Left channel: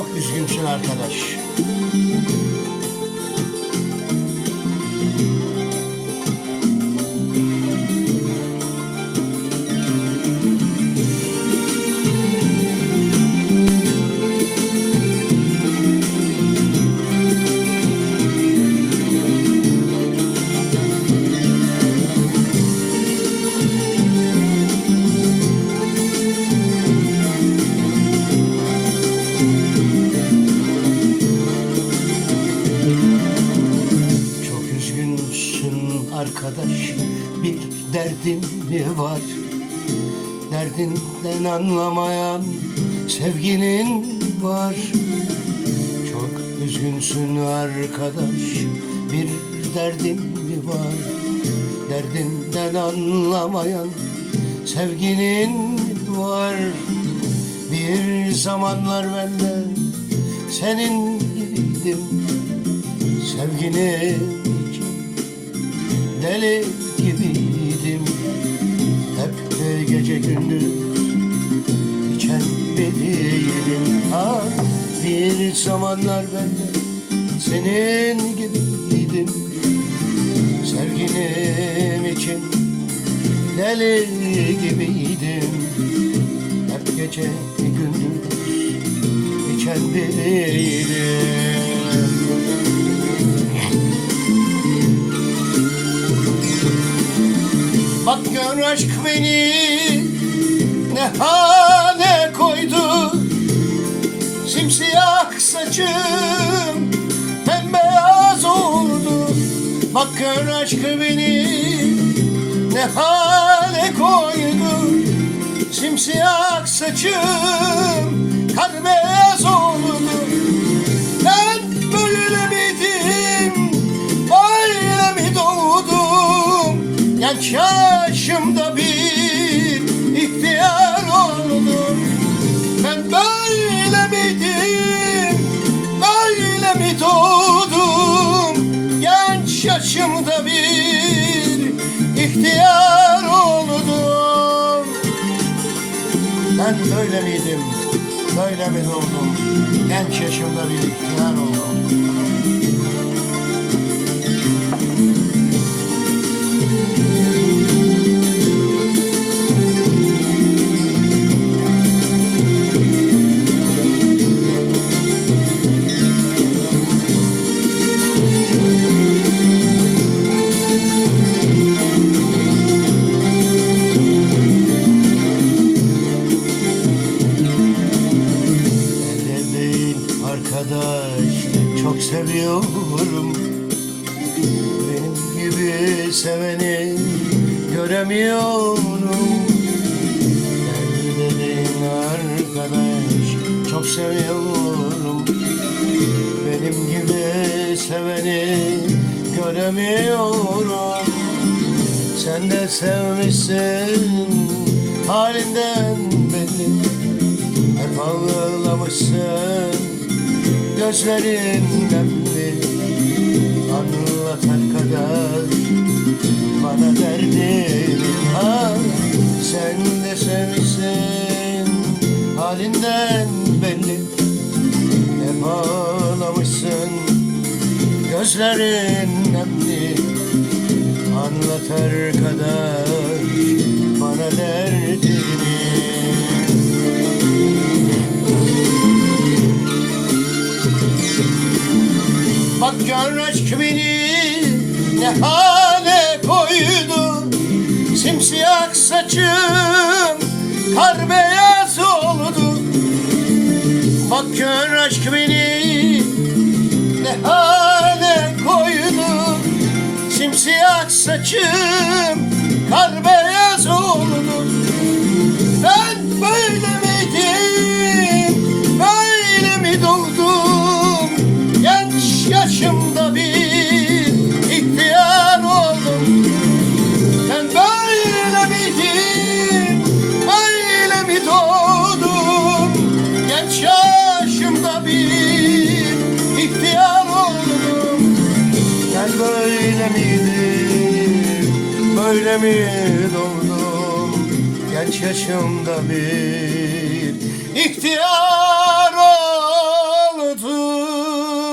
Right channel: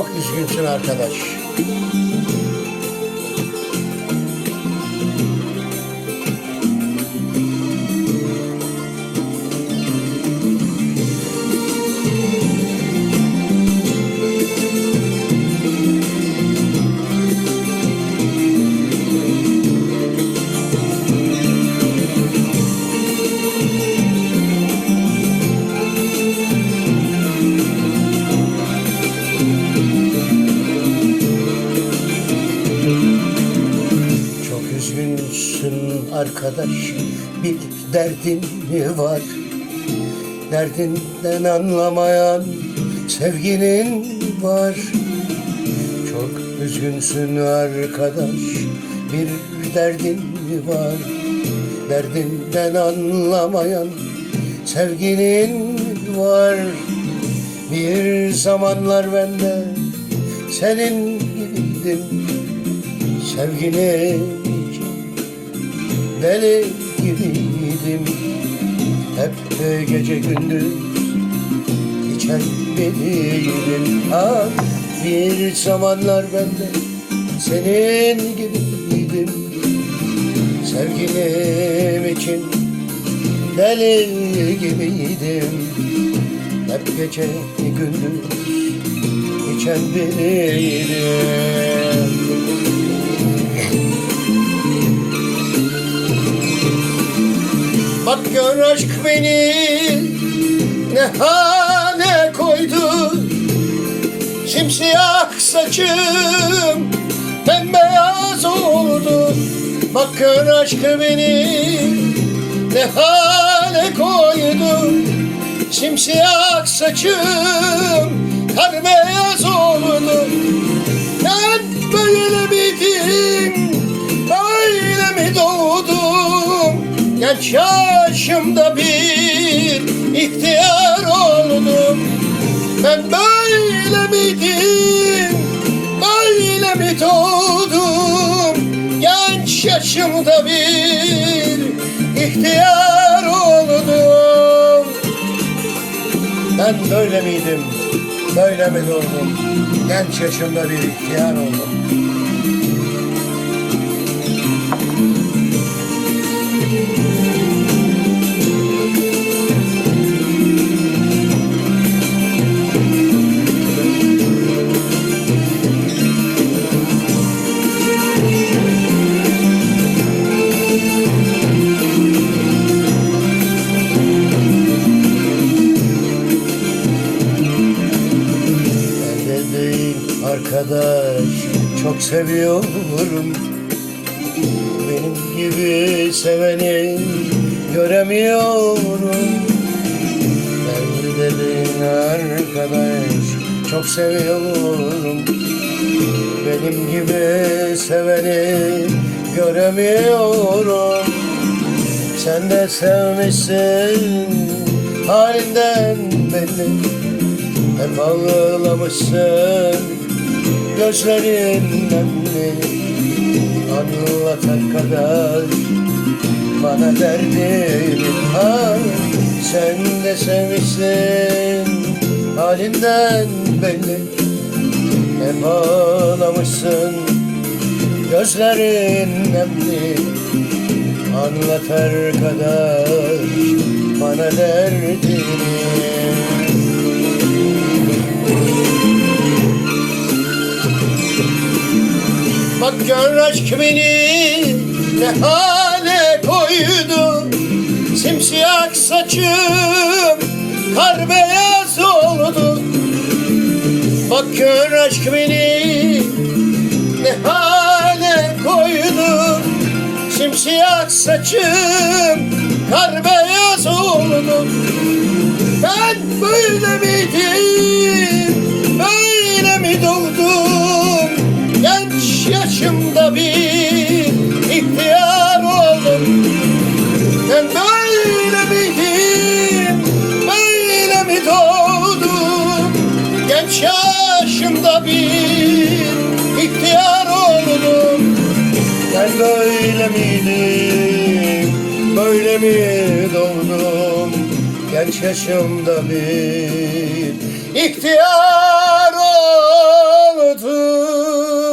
Çok üzgünsün arkadaş. Arkadaş. Bir derdin mi var? Derdinden anlamayan sevginin var. Çok üzgünsün arkadaş. Bir derdin mi var? Derdinden anlamayan sevginin var. Bir zamanlar ben de senin gibiydim. Sevgine için deli gibiydim. Hep gece gündüz içen biriydim. Ah bir zamanlar ben de senin gibiydim. Sevgilim için deli gibiydim. Hep gece gündüz içen biriydim gör aşk beni ne hale koydu? Simsiyah saçım bembeyaz oldu. Bak gör aşk beni ne hale koydu? Simsiyah saçım kar beyaz oldu. Ben böyle miydim böyle mi doğdum? Genç yaşımda Ben böyle miydim? Böyle mi doğdum? Genç yaşımda bir ihtiyar oldum arkadaş çok seviyorum. Benim gibi seveni göremiyorum. Elde değil arkadaş çok seviyorum. Benim gibi seveni göremiyorum. Sen de sevmişsin halinden belli. Hep ağlamışsın Gözlerin nemli Anlat arkadaş Bana derdini ha Sen de sevmişsin Halinden belli. Hep ağlamışsın Gözlerin nemli. Anlat arkadaş Bana derdini gör aşk beni ne hale koydu? Simsiyah saçım kar beyaz oldu. Bak gör aşk beni ne hale koydu? Simsiyah saçım kar beyaz oldu Kaç yaşımda bir ihtiyar oldum Ben böyle miydim, böyle mi doğdum? Genç yaşımda bir ihtiyar oldum